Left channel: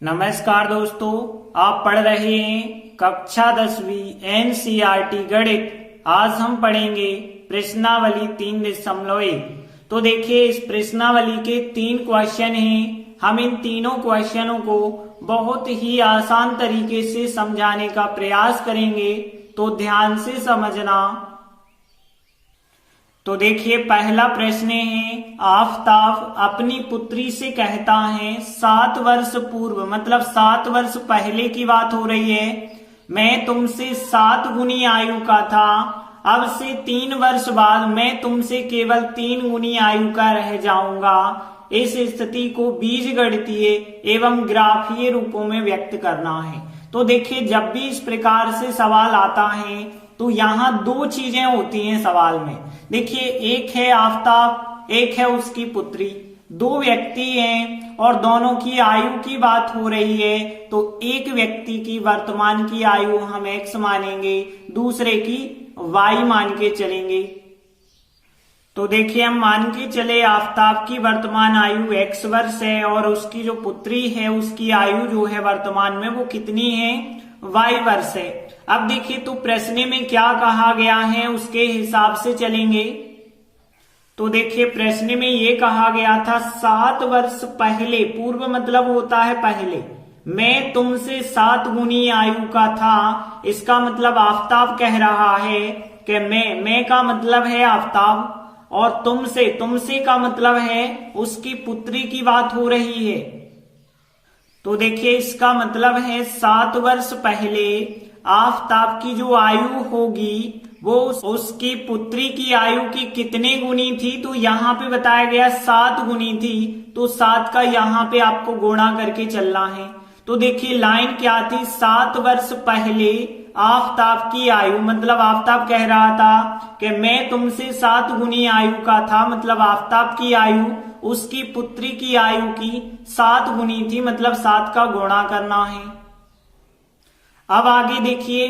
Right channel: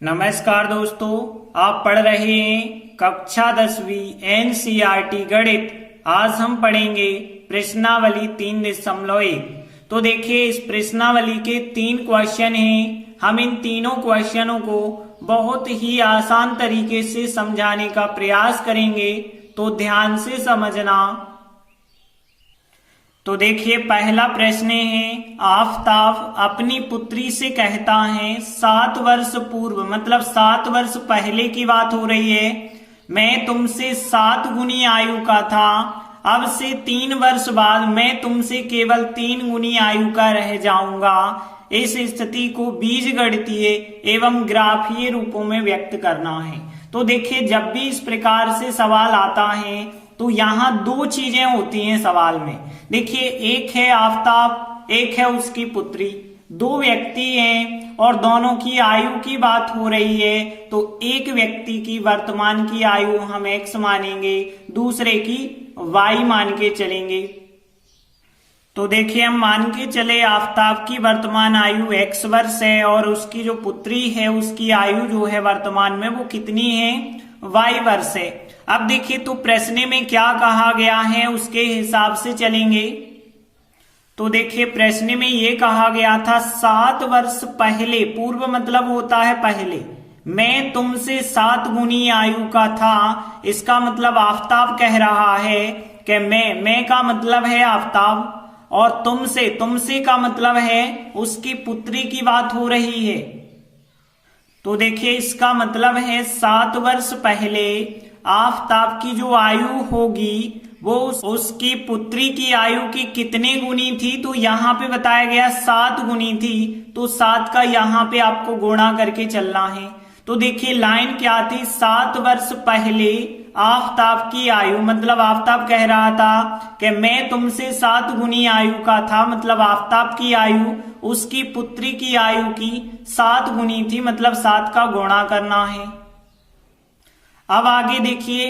नमस्कार दोस्तों, आप पढ़ रहे हैं कक्षा 10वीं एनसीईआरटी गणित। आज हम पढ़ेंगे प्रश्नावली 3.1। तो देखिए, इस प्रश्नावली के 3 क्वेश्चन हैं। हम इन तीनों क्वेश्चनों को बहुत ही आसान तरीके से समझाने का प्रयास करेंगे, तो ध्यान से समझना। तो देखिए, पहला प्रश्न है, आफताब अपनी पुत्री से कहता है 7 वर्ष पूर्व, मतलब 7 वर्ष पहले की बात हो रही है, मैं तुमसे 7 गुनी आयु का था। अब से 3 वर्ष बाद मैं तुमसे केवल 3 गुनी आयु का रह जाऊंगा। इस स्थिति को बीजगणितीय एवं ग्राफीय रूपों में व्यक्त करना है। तो देखिए, जब भी इस प्रकार से सवाल आता है तो यहाँ 2 चीजें होती हैं सवाल में। देखिए, एक है आफताब, एक है उसकी पुत्री। 2 व्यक्ति हैं और दोनों की आयु की बात हो रही है। तो एक व्यक्ति की वर्तमान की आयु हम x मानेंगे, दूसरे की y मान के चलेंगे। तो देखिए, हम मान के चले आफताब की वर्तमान आयु x वर्ष है और उसकी जो पुत्री है उसकी आयु जो है वर्तमान में वो कितनी है, y वर्ष है। अब देखिए, तो प्रश्न में क्या कहा गया है उसके हिसाब से चलेंगे। तो देखिए, प्रश्न में ये कहा गया था 7 वर्ष पहले, पूर्व मतलब होता है पहले, मैं तुमसे 7 गुनी आयु का था। इसका मतलब आफताब कह रहा है कि मैं का मतलब है आफताब, और तुमसे का मतलब है उसकी पुत्री की बात हो रही है। तो देखिए, इसका मतलब है 7 वर्ष पहले आफताब की जो आयु होगी वो उसकी पुत्री की आयु की कितने गुनी थी। तो यहाँ पे बताया गया 7 गुनी थी, तो 7 का यहाँ पे आपको गुणा करके चलना है। तो देखिए, लाइन क्या थी, 7 वर्ष पहले आफताब की आयु, मतलब आफताब कह रहा था कि मैं तुमसे 7 गुनी आयु का था, मतलब आफताब की आयु उसकी पुत्री की आयु की 7 गुनी थी, मतलब 7 का गुणा करना है। अब आगे देखिए,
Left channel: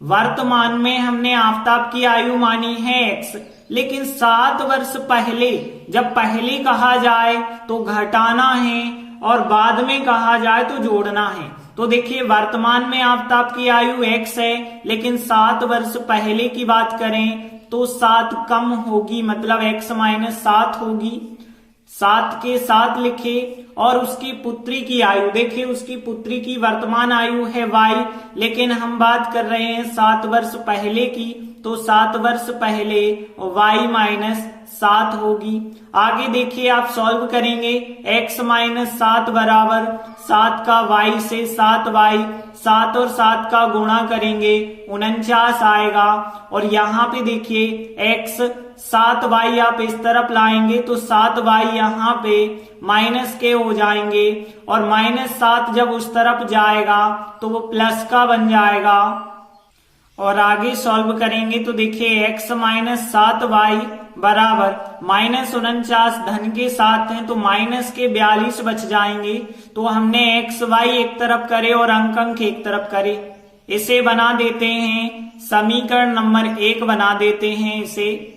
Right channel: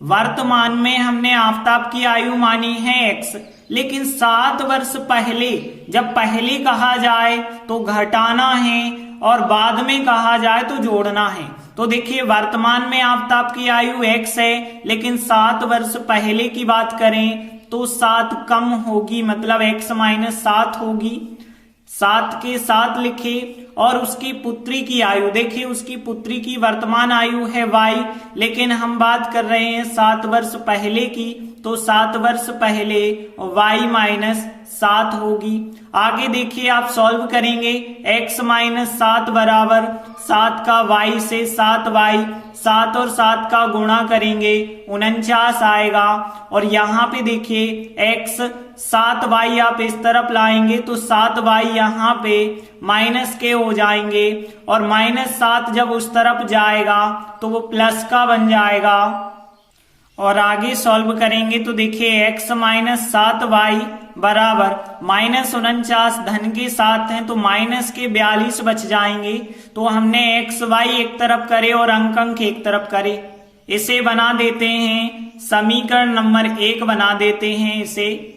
वर्तमान में हमने आफताब की आयु मानी है x, लेकिन 7 वर्ष पहले, जब पहले कहा जाए तो घटाना है और बाद में कहा जाए तो जोड़ना है। तो देखिए, वर्तमान में आफताब की आयु x है, लेकिन 7 वर्ष पहले की बात करें तो 7 कम होगी, मतलब x - 7 होगी। 7 के 7 लिखे। और उसकी पुत्री की आयु, देखिए उसकी पुत्री की वर्तमान आयु है y, लेकिन हम बात कर रहे हैं 7 वर्ष पहले की, तो 7 वर्ष पहले y - 7 होगी। आगे देखिए, आप सॉल्व करेंगे, x - 7 बराबर 7 का y से 7y, 7 और 7 का गुणा करेंगे 49 आएगा। और यहाँ पे देखिए x 7y आप इस तरफ लाएंगे तो 7y यहाँ पे माइनस के हो जाएंगे, और -7 जब उस तरफ जाएगा तो वो प्लस का बन जाएगा। और आगे सॉल्व करेंगे तो देखिए, x - 7y बराबर -49 धन के 7 हैं तो माइनस के 42 बच जाएंगे। तो हमने x y एक तरफ करे और अंक एक तरफ करे, इसे बना देते हैं समीकरण नंबर 1 बना देते हैं इसे।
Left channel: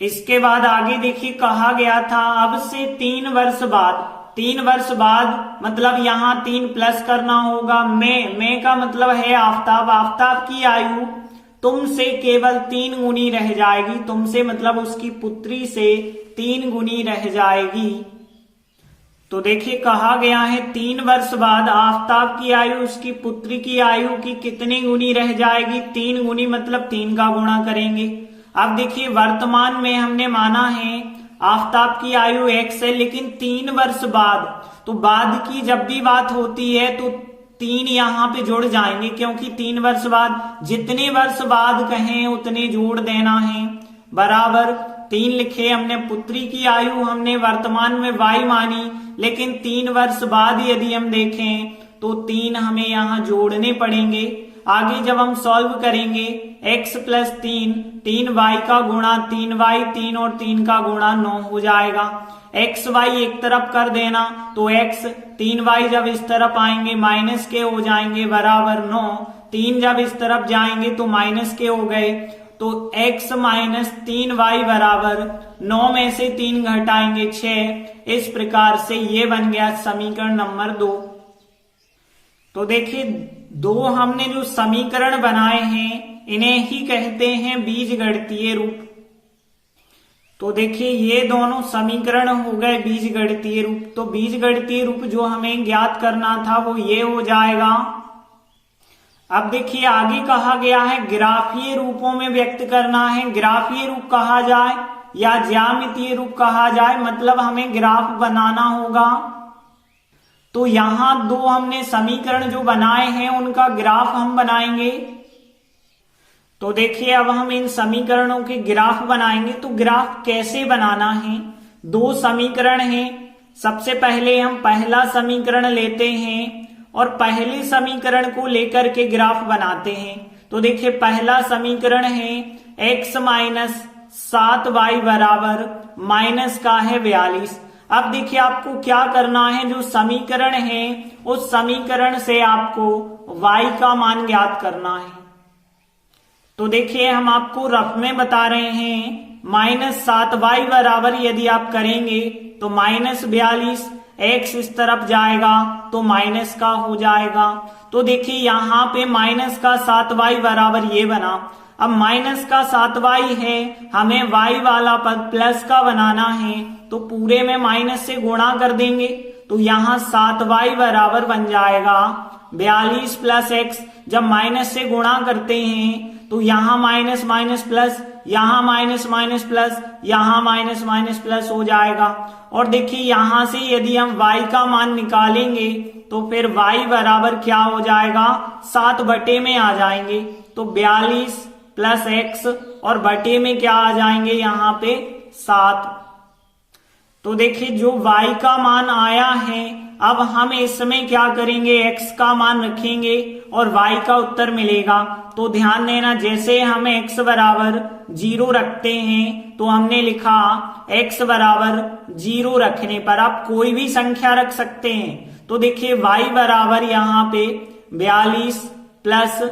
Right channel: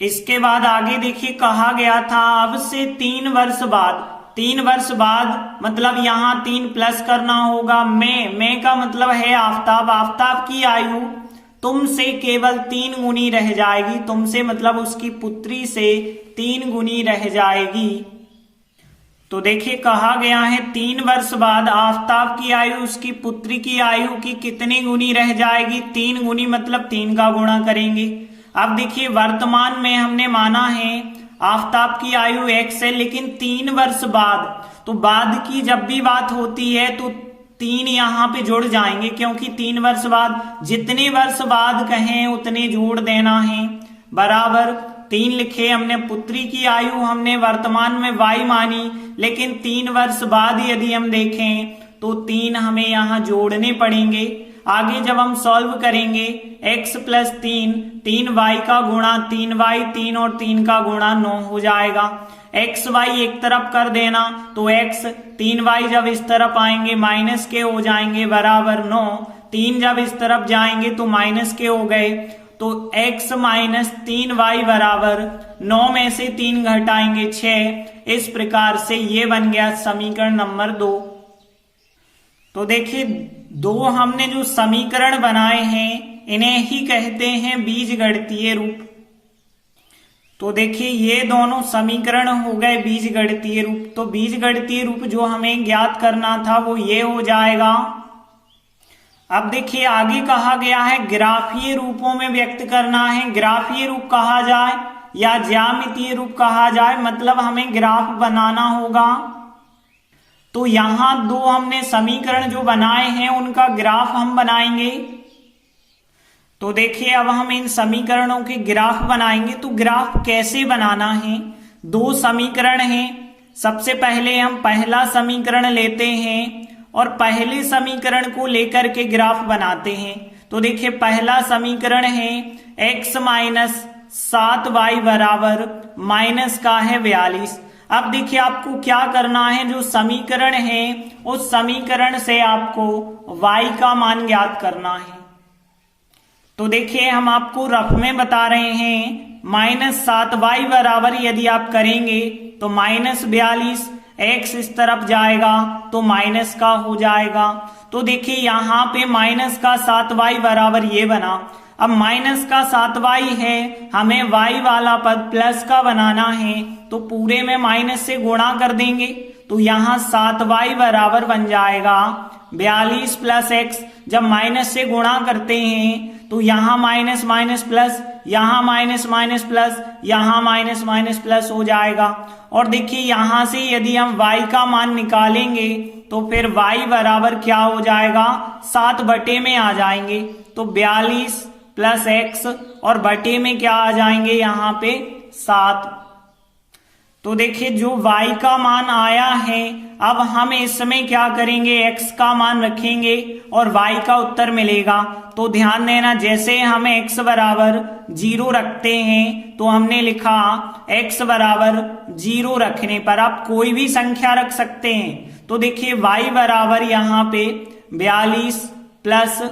इसके बाद आगे देखिए, कहा गया था अब से 3 वर्ष बाद, 3 वर्ष बाद मतलब यहाँ 3 प्लस करना होगा। मैं का मतलब है आफताब, आफताब की आयु तुमसे केवल 3 गुनी रह जाएगी, तुमसे मतलब उसकी पुत्री से 3 गुनी रह जाएगी। तो देखिए, कहा गया है 3 वर्ष बाद आफताब की आयु उसकी पुत्री की आयु की कितनी गुनी रह जाएगी, 3 गुनी, मतलब 3 का गुणा करेंगे। अब देखिए, वर्तमान में हमने माना है आफताब की आयु x है, लेकिन 3 वर्ष बाद, तो बाद की जब भी बात होती है तो 3 यहाँ पे जुड़ जाएंगे, क्योंकि 3 वर्ष बाद, जितने वर्ष बाद कहें उतने जोड़ देना है। बराबर 3 लिखे हमने, पुत्री की आयु हमने वर्तमान में y मानी, लेकिन 3 वर्ष बाद यदि हम देखें तो 3 हमें यहाँ जोड़ने पड़ेंगे। आगे जब हम सॉल्व करेंगे, x + 3y का गुणा 3y, 3 और 3 का गुणा 9 हो जाएगा। x y एक तरफ कर देना तो x, 3y जब इस तरफ आएंगे माइनस के हो जाएंगे, बराबर 9, 3 जब इस तरफ जाएंगे तो माइनस के हो गए। तो तो x माइनस 3y बराबर 9 में से 3 घटाएंगे 6। इस प्रकार से ये बन गया समीकरण नंबर 2। तो देखिए दो हमने जो समीकरण बनाए हैं इन्हें ही कहते हैं बीजगणितीय रूप। तो देखिए ये दोनों समीकरण हो गए बीजगणितीय रूप। तो बीजगणितीय रूप जो हमें ज्ञात करना था वो ये हो जाएगा। अब देखिए आगे कहा गया है ग्राफीय रूपों में व्यक्त करना है। ग्राफीय रूप कहा जाए या ज्यामितीय रूप कहा जाए, मतलब हमें ग्राफ बनाना होगा। तो यहां दो हमने समीकरण जो बनाए हैं उनका ग्राफ हम बनाएंगे। तो देखिए अब हम इन समीकरणों के ग्राफ बनाएंगे। तो ग्राफ कैसे बनाना है, दो समीकरण हैं। सबसे पहले हम पहला समीकरण लेते हैं और पहले समीकरण को लेकर के ग्राफ बनाते हैं। तो देखिए पहला समीकरण है x माइनस 7y बराबर माइनस का है 42। अब देखिए आपको क्या करना है, जो समीकरण है उस समीकरण से आपको y का मान ज्ञात करना है। तो देखिए हम आपको रफ में बता रहे हैं, माइनस 7y बराबर यदि आप करेंगे तो माइनस 42, x इस तरफ जाएगा तो माइनस का हो जाएगा। तो देखिए यहाँ पे माइनस का 7y बराबर ये बना। अब माइनस का 7y है, हमें y वाला पद प्लस का बनाना है, तो पूरे में माइनस से गुणा कर देंगे। तो यहाँ 7y बराबर बन जाएगा 42 प्लस x। जब माइनस से गुणा करते हैं तो यहाँ माइनस माइनस प्लस, यहाँ माइनस माइनस प्लस, यहाँ माइनस माइनस प्लस हो जाएगा। और देखिए यहां से यदि हम y का मान निकालेंगे तो फिर y बराबर क्या हो जाएगा, 7 बटे में आ जाएंगे। तो 42 प्लस x और बटे में क्या आ जाएंगे यहाँ पे 7। तो देखिए जो y का मान आया है, अब हम इसमें क्या करेंगे, x का मान रखेंगे और y का उत्तर मिलेगा। तो ध्यान देना, जैसे हमें x बराबर 0 रखते हैं तो हमने लिखा x बराबर 0 रखने पर आप कोई भी संख्या रख सकते हैं। तो देखिए y बराबर यहाँ पे 42 प्लस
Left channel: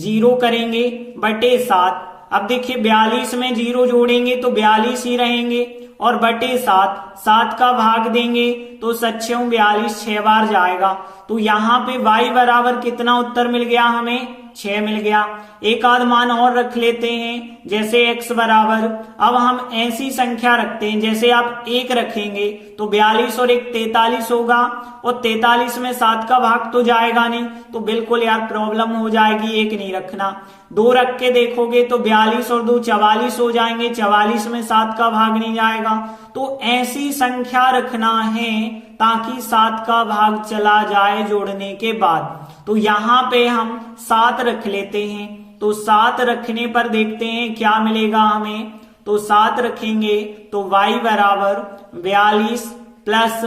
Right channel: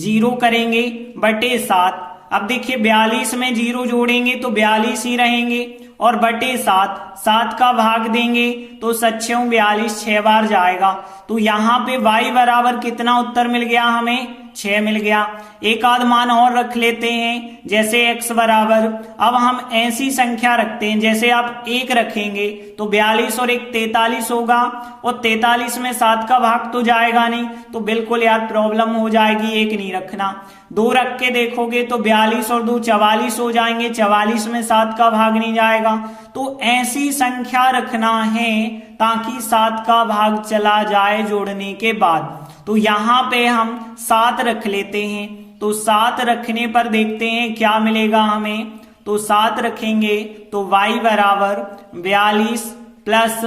0 करेंगे बटे 7। अब देखिए 42 में 0 जोड़ेंगे तो 42 ही रहेंगे और बटे 7 का भाग देंगे तो 7×42 6 बार जाएगा। तो यहाँ पे y बराबर कितना उत्तर मिल गया, हमें 6 मिल गया। एक आध मान और रख लेते हैं, जैसे x बराबर, अब हम ऐसी संख्या रखते हैं, जैसे आप 1 रखेंगे तो 42 और 1 43 होगा और 43 में 7 का भाग तो जाएगा नहीं, तो बिल्कुल यार प्रॉब्लम हो जाएगी, 1 नहीं रखना। 2 रख के देखोगे तो 42 और 2 44 हो जाएंगे, 44 में 7 का भाग नहीं जाएगा। तो ऐसी संख्या रखना है ताकि 7 का भाग चला जाए जोड़ने के बाद। तो यहाँ पे हम 7 रख लेते हैं। तो 7 रखने पर देखते हैं क्या मिलेगा हमें। तो 7 रखेंगे तो y बराबर 42 प्लस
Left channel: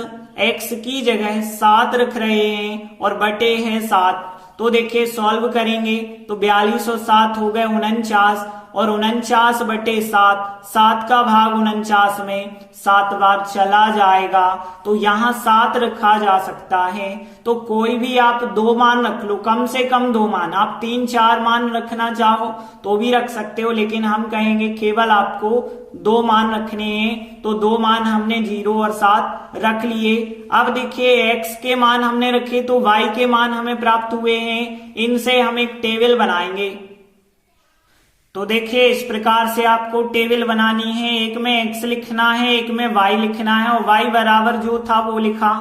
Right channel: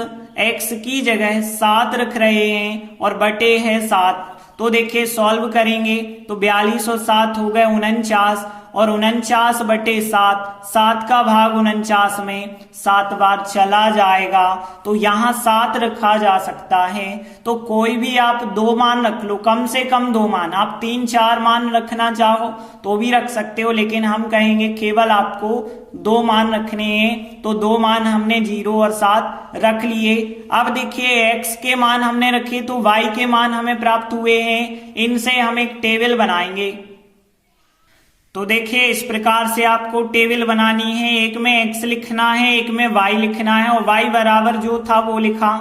x की जगह 7 रख रहे हैं और बटे है 7। तो देखिए सॉल्व करेंगे तो 42 और 7 हो गए 49 और 49 बटे 7 का भाग 49 में 7 बार चला जाएगा। तो यहाँ 7 रखा जा सकता है। तो कोई भी आप 2 मान रख लो, कम से कम 2 मान। आप 3-4 मान रखना चाहो तो भी रख सकते हो, लेकिन हम कहेंगे केवल आपको 2 मान रखने हैं। तो 2 मान हमने 0 और 7 रख लिए। अब देखिए x के मान हमने रखे तो y के मान हमें प्राप्त हुए हैं, इनसे हम एक टेबल बनाएंगे। तो देखिए इस प्रकार से आपको टेबल बनानी है, एक में x लिखना है, एक में y लिखना है और y बराबर जो था वो लिखा।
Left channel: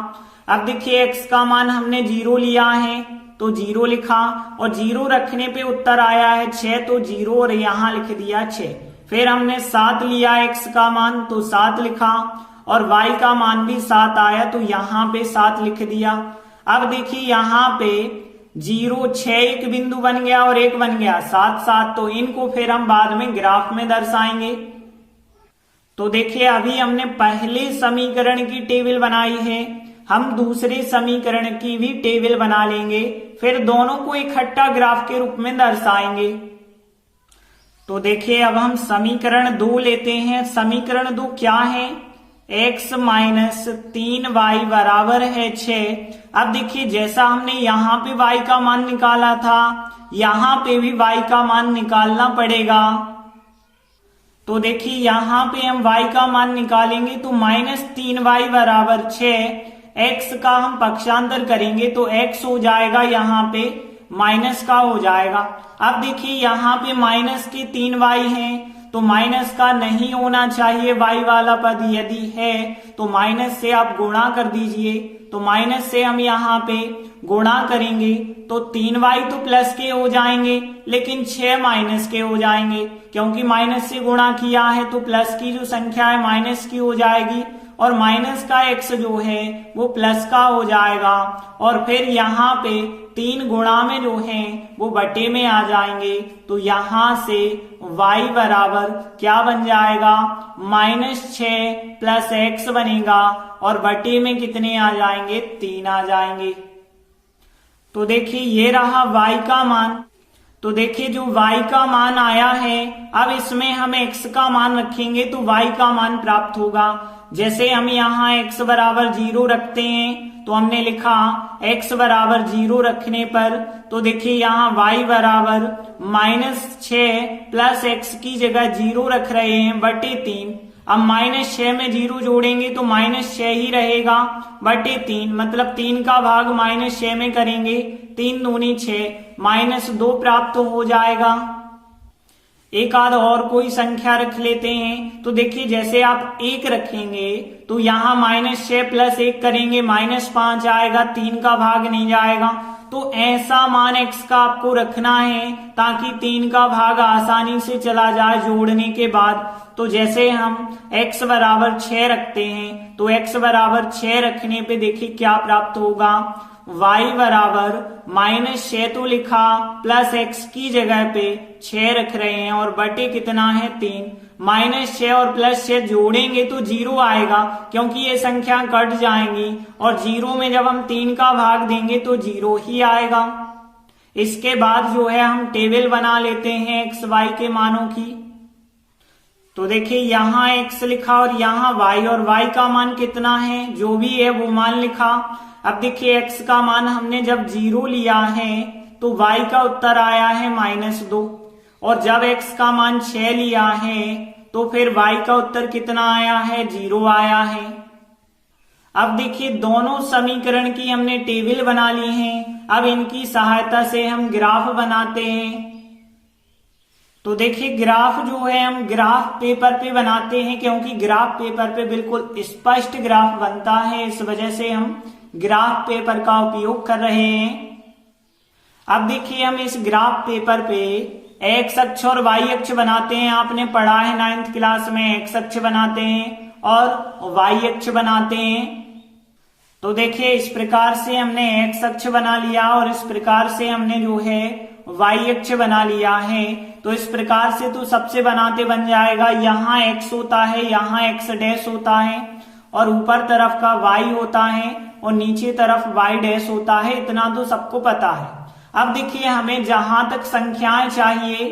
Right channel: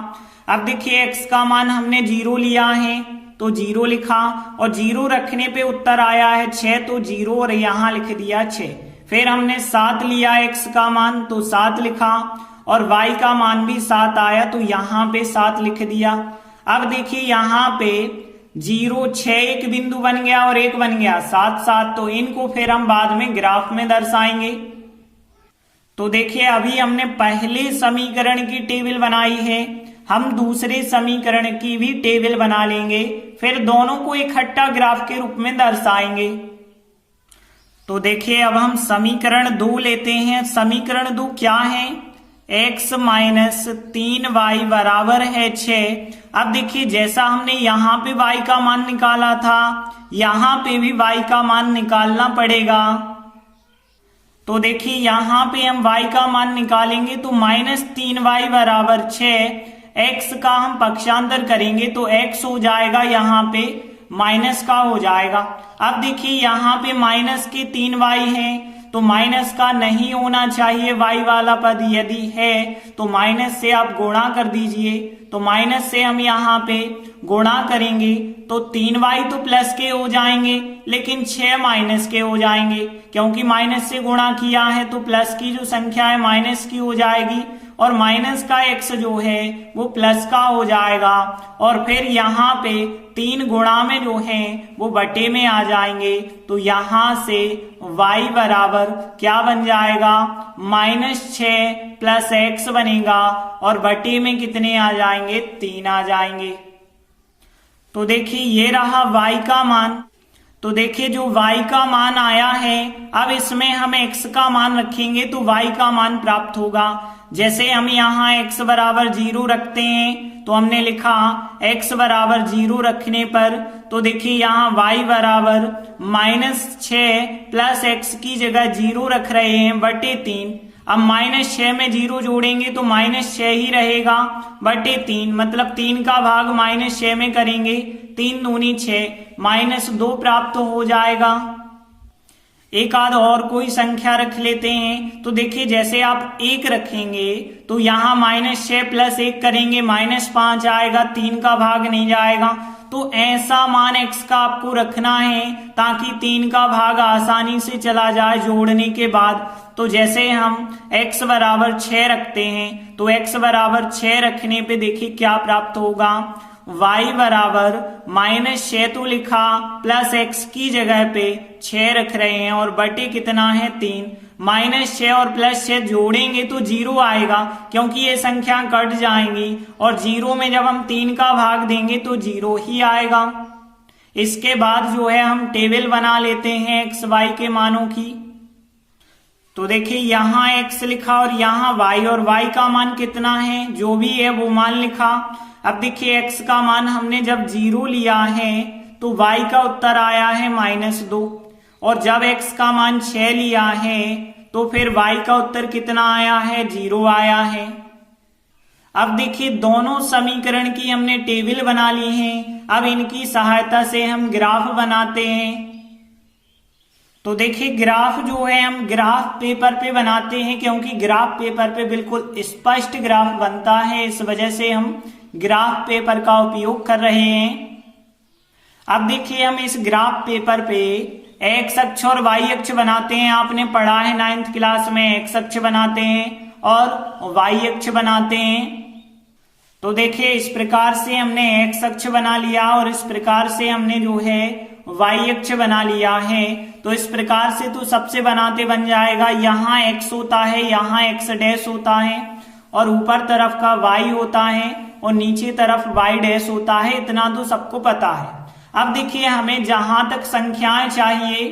अब देखिए x का मान हमने 0 लिया है तो 0 लिखा और 0 रखने पे उत्तर आया है 6, तो 0 और यहाँ लिख दिया 6। फिर हमने 7 लिया x का मान तो 7 लिखा और y का मान भी 7 आया तो यहाँ पे 7 लिख दिया। अब देखिए यहाँ पे 0 6 एक बिंदु बन गया और 1 बन गया 7 7, तो इनको फिर हम बाद में ग्राफ में दर्शाएंगे। तो देखिए अभी हमने पहले समीकरण की टेबल बनाई है, हम दूसरे समीकरण की भी टेबल बना लेंगे, फिर दोनों को इकट्ठा ग्राफ के रूप में दर्शाएंगे। तो देखिए अब हम समीकरण 2 लेते हैं। समीकरण 2 क्या है, x माइनस 3y बराबर है 6। अब देखिए जैसा हमने यहाँ पे y का मान निकाला था, यहाँ पे भी y का मान निकालना पड़ेगा। तो देखिए यहाँ पे हम y का मान निकालेंगे तो -3y बराबर 6, x का हम पक्षांतर करेंगे तो x हो जाएगा यहाँ पे माइनस का हो जाएगा। अब देखिए यहाँ पे माइनस के 3y है तो माइनस का नहीं होना चाहिए y वाला पद, यदि है तो माइनस से आप गुणा कर दीजिए। तो माइनस से हम यहाँ पे गुणा करेंगे तो 3y तो प्लस के हो जाएंगे लेकिन 6 माइनस के हो जाएंगे, क्योंकि माइनस से गुणा किया है तो प्लस की जो संख्या है माइनस की हो जाएगी और माइनस का x जो है वो प्लस का हो जाएगा। और फिर यहाँ पे 3 गुणा में जो है वो बटे में आ जाएंगे तो यहाँ से y बराबर क्या बन जाएगा, -6 प्लस x बनेगा और बटे में कितने आ जाएंगे, 3 आ जाएंगे। तो देखिए ये रहा y का मान। तो देखिए जो y का मान आया है, अब इसमें हम x का मान रखेंगे तो y का मान प्राप्त होगा। जैसे हम यहाँ x बराबर 0 रखते हैं तो हमने लिखा x बराबर 0 रखने पर, तो देखिए यहाँ y बराबर -6 प्लस x की जगह 0 रख रहे हैं बटे 3। अब -6 में 0 जोड़ेंगे तो -6 ही रहेगा बटे 3, मतलब 3 का भाग -6 में करेंगे, 3 दूनी 6, -2 प्राप्त हो जाएगा। एक आध और कोई संख्या रख लेते हैं। तो देखिए जैसे आप 1 रखेंगे तो यहाँ -6 प्लस 1 करेंगे -5 आएगा, 3 का भाग नहीं जाएगा। तो ऐसा मान x का आपको रखना है ताकि 3 का भाग आसानी से चला जाए जोड़ने के बाद। तो जैसे हम x बराबर 6 रखते हैं तो x बराबर 6 रखने पे देखिए क्या प्राप्त होगा, y बराबर -6 तो लिखा प्लस x की जगह पे 6 रख रहे हैं और बटे कितना है 3, -6 और +6 जोड़ेंगे तो 0 आएगा क्योंकि ये संख्या कट जाएंगी और 0 में जब हम 3 का भाग देंगे तो 0 ही आएगा। इसके बाद जो है हम टेबल बना लेते हैं x y के मानों की। तो देखिए यहाँ x लिखा और यहाँ y, और y का मान कितना है जो भी है वो मान लिखा। अब देखिए x का मान हमने जब 0 लिया है तो y का उत्तर आया है -2, और जब x का मान 6 लिया है तो फिर y का उत्तर कितना आया है, 0 आया है। अब देखिए दोनों समीकरण की हमने टेबल बना ली है, अब इनकी सहायता से हम ग्राफ बनाते हैं। तो देखिए ग्राफ जो है हम ग्राफ पेपर पे बनाते हैं क्योंकि ग्राफ पेपर पे बिल्कुल स्पष्ट ग्राफ बनता है, इस वजह से हम ग्राफ पेपर का उपयोग कर रहे हैं। अब देखिए हम इस ग्राफ पेपर पे x अक्ष और y अक्ष बनाते हैं। आपने पढ़ा है 9th क्लास में, x अक्ष बनाते हैं और y अक्ष बनाते हैं। तो देखिए इस प्रकार से हमने x अक्ष बना लिया और इस प्रकार से हमने जो है y अक्ष बना लिया है। तो इस प्रकार से तो सबसे बनाते बन जाएगा, यहाँ x होता है, यहाँ x डैश होता है और ऊपर तरफ का y होता है और नीचे तरफ y डैश होता है, इतना तो सबको पता है। अब देखिए हमें जहां तक संख्याएं चाहिए,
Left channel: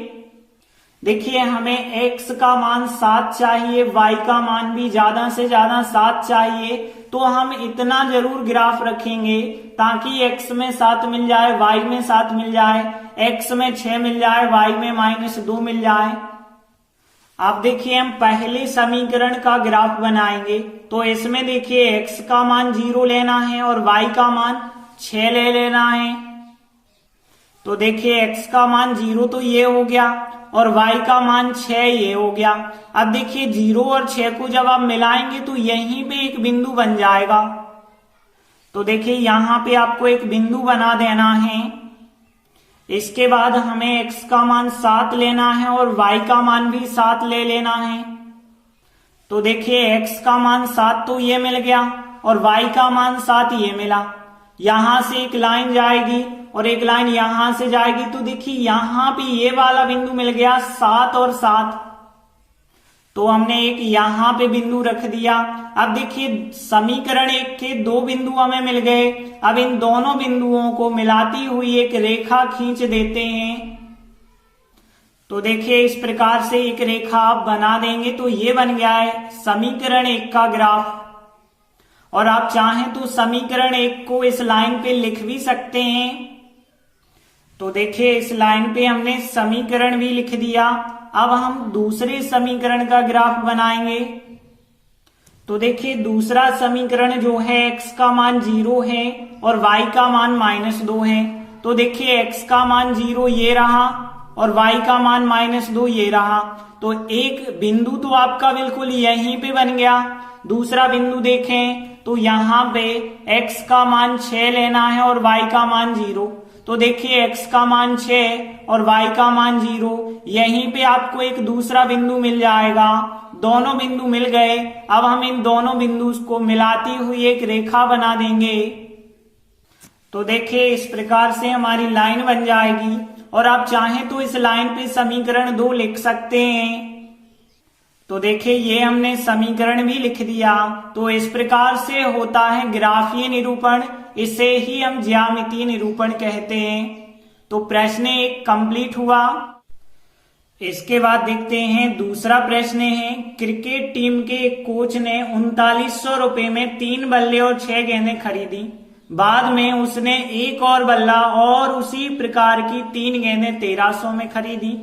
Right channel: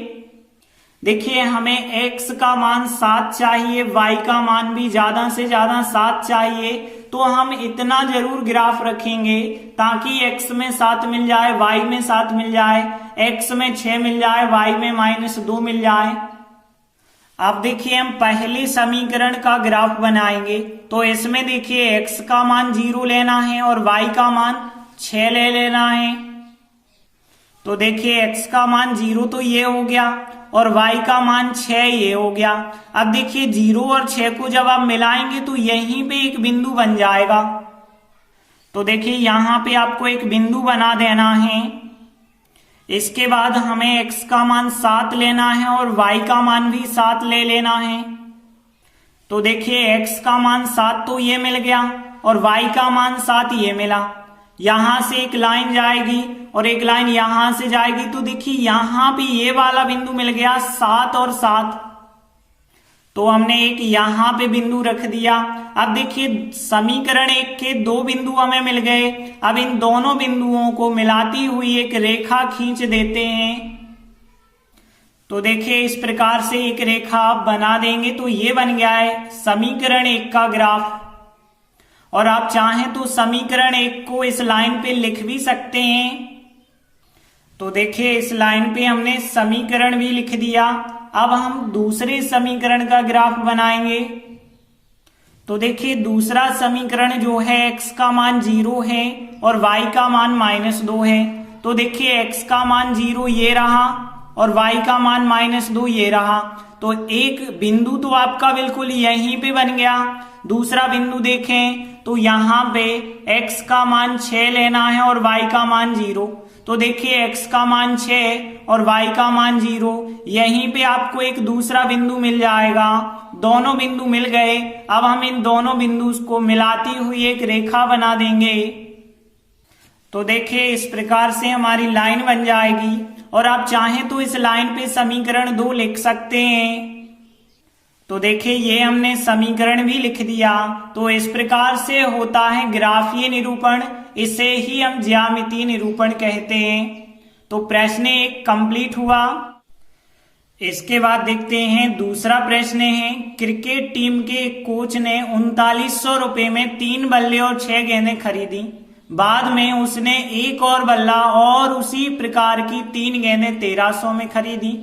देखिए हमें x का मान 7 चाहिए, y का मान भी ज्यादा से ज्यादा 7 चाहिए। तो हम इतना जरूर ग्राफ रखेंगे ताकि x में 7 मिल जाए, y में 7 मिल जाए, x में 6 मिल जाए, y में -2 मिल जाए। अब देखिए हम पहले समीकरण का ग्राफ बनाएंगे। तो इसमें देखिए x का मान 0 लेना है और y का मान 6 ले लेना है। तो देखिए x का मान 0 तो ये हो गया और y का मान 6 ये हो गया। अब देखिए 0 और 6 को जब आप मिलाएंगे तो यहीं पे एक बिंदु बन जाएगा। तो देखिए यहाँ पे आपको एक बिंदु बना देना है। इसके बाद हमें x का मान 7 लेना है और y का मान भी 7 ले लेना है। तो देखिए x का मान 7 तो ये मिल गया और y का मान 7 ये मिला। यहां से एक लाइन जाएगी और एक लाइन यहां से जाएगी, तो देखिए यहां भी ये वाला बिंदु मिल गया 7 और 7। तो हमने एक यहां पे बिंदु रख दिया। अब देखिए समीकरण 1 के 2 बिंदु हमें मिल गए। अब इन दोनों बिंदुओं को मिलाती हुई एक रेखा खींच देते हैं। तो देखिए इस प्रकार से एक रेखा आप बना देंगे तो ये बन गया है समीकरण 1 का ग्राफ। और आप चाहें तो समीकरण 1 को इस लाइन पे लिख भी सकते हैं। तो देखिए इस लाइन पे हमने समीकरण भी लिख दिया अब हम दूसरे समीकरण का ग्राफ बनाएंगे। तो देखिए दूसरा समीकरण जो है x का मान 0 है और y का मान -2 है। तो देखिए x का मान 0 ये रहा और y का मान -2 ये रहा। तो एक बिंदु तो आपका बिल्कुल यहीं पे बन गया। दूसरा बिंदु देखें तो यहाँ पे x का मान 6 लेना है और y का मान 0। तो देखिए x का मान 6 और y का मान 0, यहीं पे आपको एक दूसरा बिंदु मिल जाएगा। दोनों बिंदु मिल गए। अब हम इन दोनों बिंदु को मिलाती हुई एक रेखा बना देंगे। तो देखिए इस प्रकार से हमारी लाइन बन जाएगी और आप चाहें तो इस लाइन पे समीकरण 2 लिख सकते हैं। तो देखिए ये हमने समीकरण भी लिख दिया। तो इस प्रकार से होता है ग्राफीय निरूपण, इसे ही हम ज्यामितीय निरूपण कहते हैं। तो प्रश्न 1 कंप्लीट हुआ। इसके बाद देखते हैं दूसरा प्रश्न है, क्रिकेट टीम के एक कोच ने 3900 रुपए में 3 बल्ले और 6 गेंदें खरीदी। बाद में उसने एक और बल्ला और उसी प्रकार की 3 गेंदें 1300 में खरीदी।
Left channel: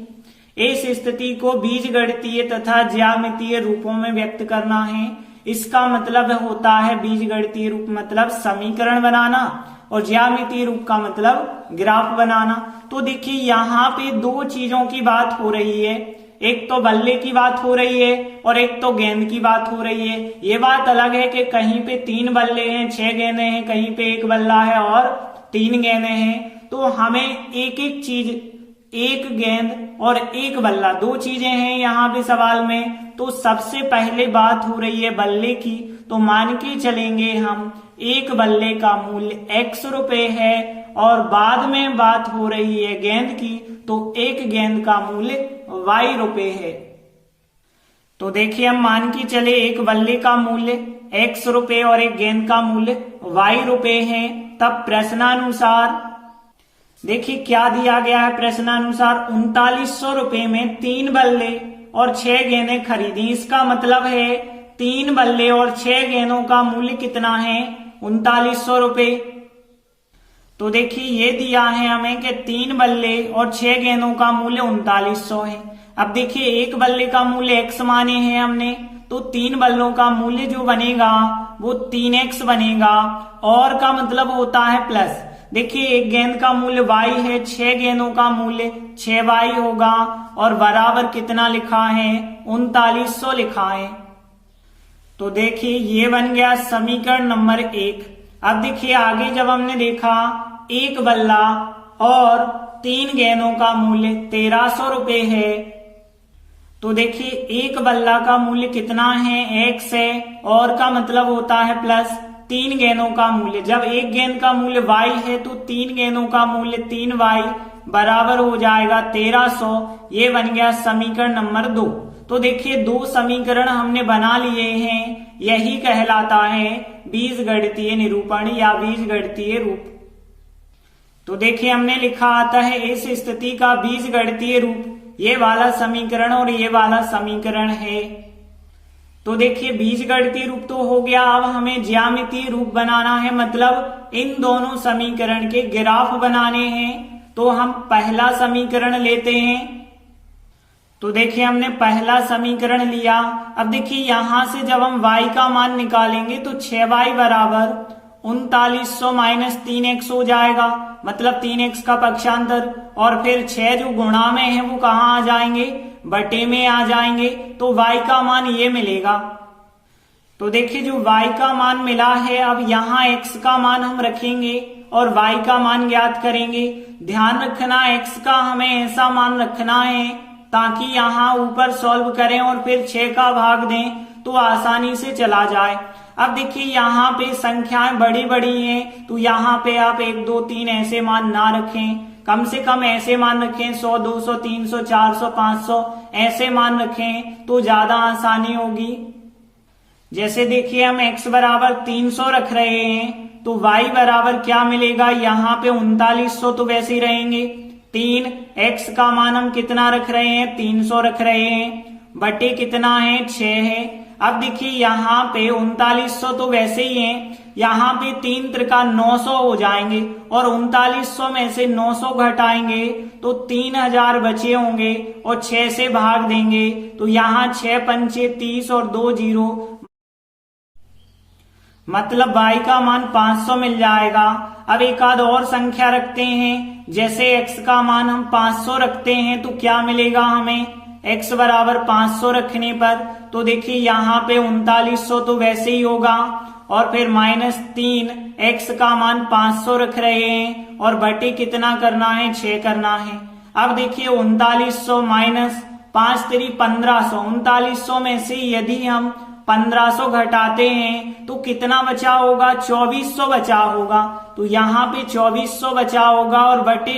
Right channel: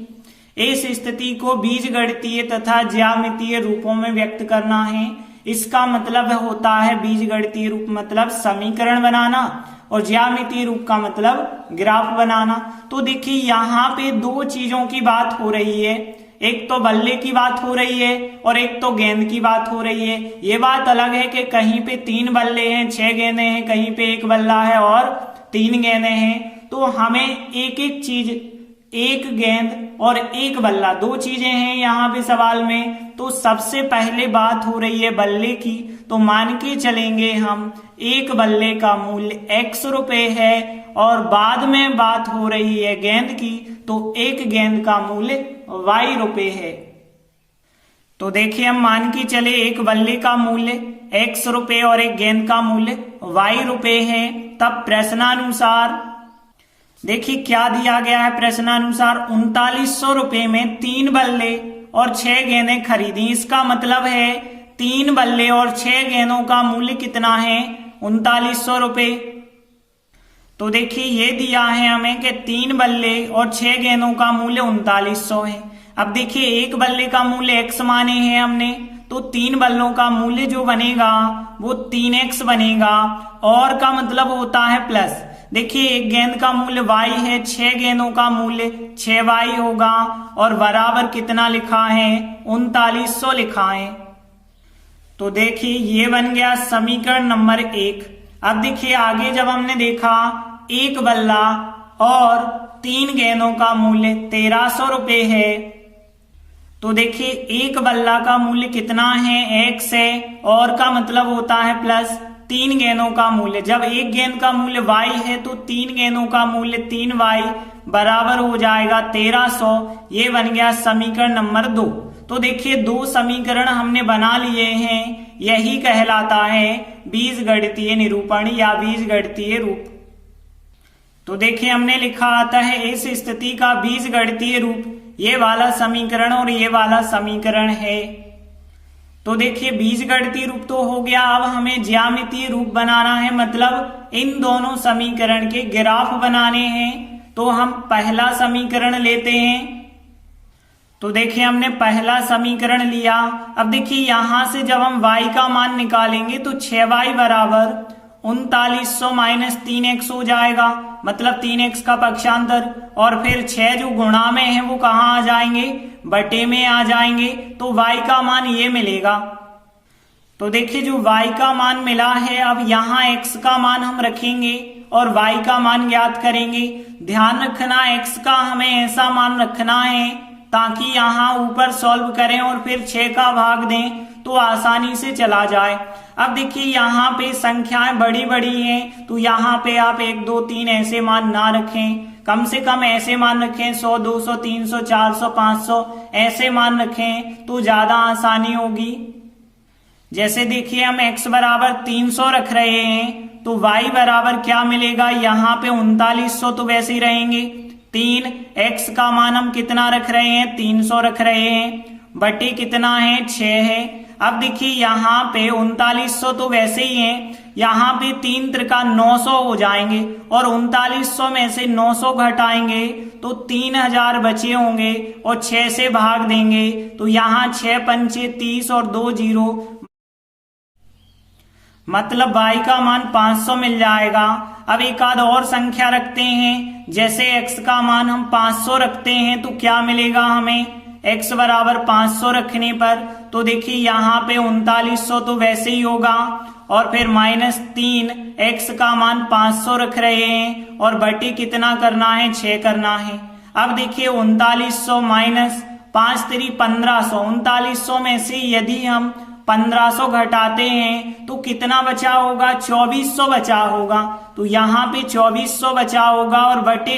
इस स्थिति को बीजगणितीय तथा ज्यामितीय रूपों में व्यक्त करना है। इसका मतलब होता है बीजगणितीय रूप मतलब समीकरण बनाना और ज्यामितीय रूप का मतलब ग्राफ बनाना। तो देखिए यहाँ पे 2 चीजों की बात हो रही है, एक तो बल्ले की बात हो रही है और एक तो गेंद की बात हो रही है। ये बात अलग है कि कहीं पे 3 बल्ले हैं 6 गेंदें हैं, कहीं पे 1 बल्ला है और 3 गेंदें हैं। तो हमें एक एक चीज, 1 गेंद और 1 बल्ला, 2 चीजें हैं यहाँ पे सवाल में। तो सबसे पहले बात हो रही है बल्ले की। तो मान के चलेंगे हम 1 बल्ले का मूल्य x रुपए है और बाद में बात हो रही है गेंद की, तो 1 गेंद का मूल्य y रुपए है। तो देखिए हम मान के चले 1 बल्ले का मूल्य x रुपए और 1 गेंद का मूल्य y रुपए है। तब प्रश्नानुसार देखिए क्या दिया गया है। प्रश्नानुसार 3900 रुपए में 3 बल्ले और 6 गेंदें खरीदी। इसका मतलब है 3 बल्ले और 6 गेंदों का मूल्य कितना है, 3900 रुपए। तो देखिए ये दिया है हमें कि 3 बल्ले और 6 गेंदों का मूल्य 3900 है। अब देखिए 1 बल्ले का मूल्य x माने हैं हमने, तो 3 बल्लों का मूल्य जो बनेगा वो 3x बनेगा। और का मतलब होता है प्लस। देखिए 1 गेंद का मूल्य y है, 6 गेंदों का मूल्य 6y होगा और बराबर कितना लिखा है, 3900 लिखा है। तो देखिए ये बन गया समीकरण नंबर 1। अब देखिए आगे जब हमने देखा 1 बल्ला और 3 गेंदों का मूल्य 1300 रुपए है, तो देखिए 1 बल्ला का मूल्य कितना है, x है और का मतलब होता है प्लस 3 गेंदों का मूल्य। जब 1 गेंद का मूल्य y है तो 3 गेंदों का मूल्य 3y बराबर हो जाएगा 1300। ये बन गया समीकरण नंबर 2। तो देखिए 2 समीकरण हमने बना लिए हैं, यही कहलाता है बीजगणितीय निरूपण या बीजगणितीय रूप। तो देखिए हमने लिखा आता है इस स्थिति का बीजगणितीय रूप ये वाला समीकरण और ये वाला समीकरण है। तो देखिए बीजगणितीय रूप तो हो गया। अब हमें ज्यामितीय रूप बनाना है, मतलब इन दोनों समीकरण के ग्राफ बनाने हैं। तो हम पहला समीकरण लेते हैं। तो देखिए हमने पहला समीकरण लिया। अब देखिए यहां से जब हम y का मान निकालेंगे तो 6y बराबर 3900 माइनस 3x हो जाएगा, मतलब 3x का पक्षांतर। और फिर 6 जो गुणा में है वो कहाँ आ जाएंगे, बटे में आ जाएंगे। तो y का मान ये मिलेगा। तो देखिए जो y का मान मिला है, अब यहाँ x का मान हम रखेंगे और y का मान ज्ञात करेंगे। ध्यान रखना x का हमें ऐसा मान रखना है ताकि यहाँ ऊपर सॉल्व करें और फिर 6 का भाग दें तो आसानी से चला जाए। अब देखिए यहाँ पे संख्याएं बड़ी बड़ी हैं, तो यहाँ पे आप 1 2 3 ऐसे मान ना रखें, कम से कम ऐसे मान रखें 100 200 300 400 500 ऐसे मान रखें तो ज्यादा आसानी होगी। जैसे देखिए हम x बराबर 300 रख रहे हैं तो y बराबर क्या मिलेगा, यहाँ पे 3900 तो वैसे ही रहेंगे। 3 x का मान हम कितना रख रहे हैं, 300 रख रहे हैं, बटे कितना है 6 है। अब देखिए यहाँ पे 3900 तो वैसे ही है, यहाँ पे 3 त्रिका 900 हो जाएंगे और 3900 में से 900 घटाएंगे तो 3000 बचे होंगे और 6 से भाग देंगे तो यहाँ 6 पंचे 30 और 2 जीरो, मतलब y का मान 500 मिल जाएगा। अब एक आध और संख्या रखते हैं, जैसे x का मान हम 500 रखते हैं तो क्या मिलेगा हमें, x बराबर 500 रखने पर तो देखिए यहाँ पे 3900 तो वैसे ही होगा और फिर -3, x का मान 500 रख रहे हैं और बटे कितना करना है, 6 करना है। अब देखिए 3900 माइनस 5 3 1500, 3900 में से यदि हम 1500 घटाते हैं तो कितना बचा होगा, 2400 बचा होगा। तो यहाँ पे 2400 बचा होगा और बटे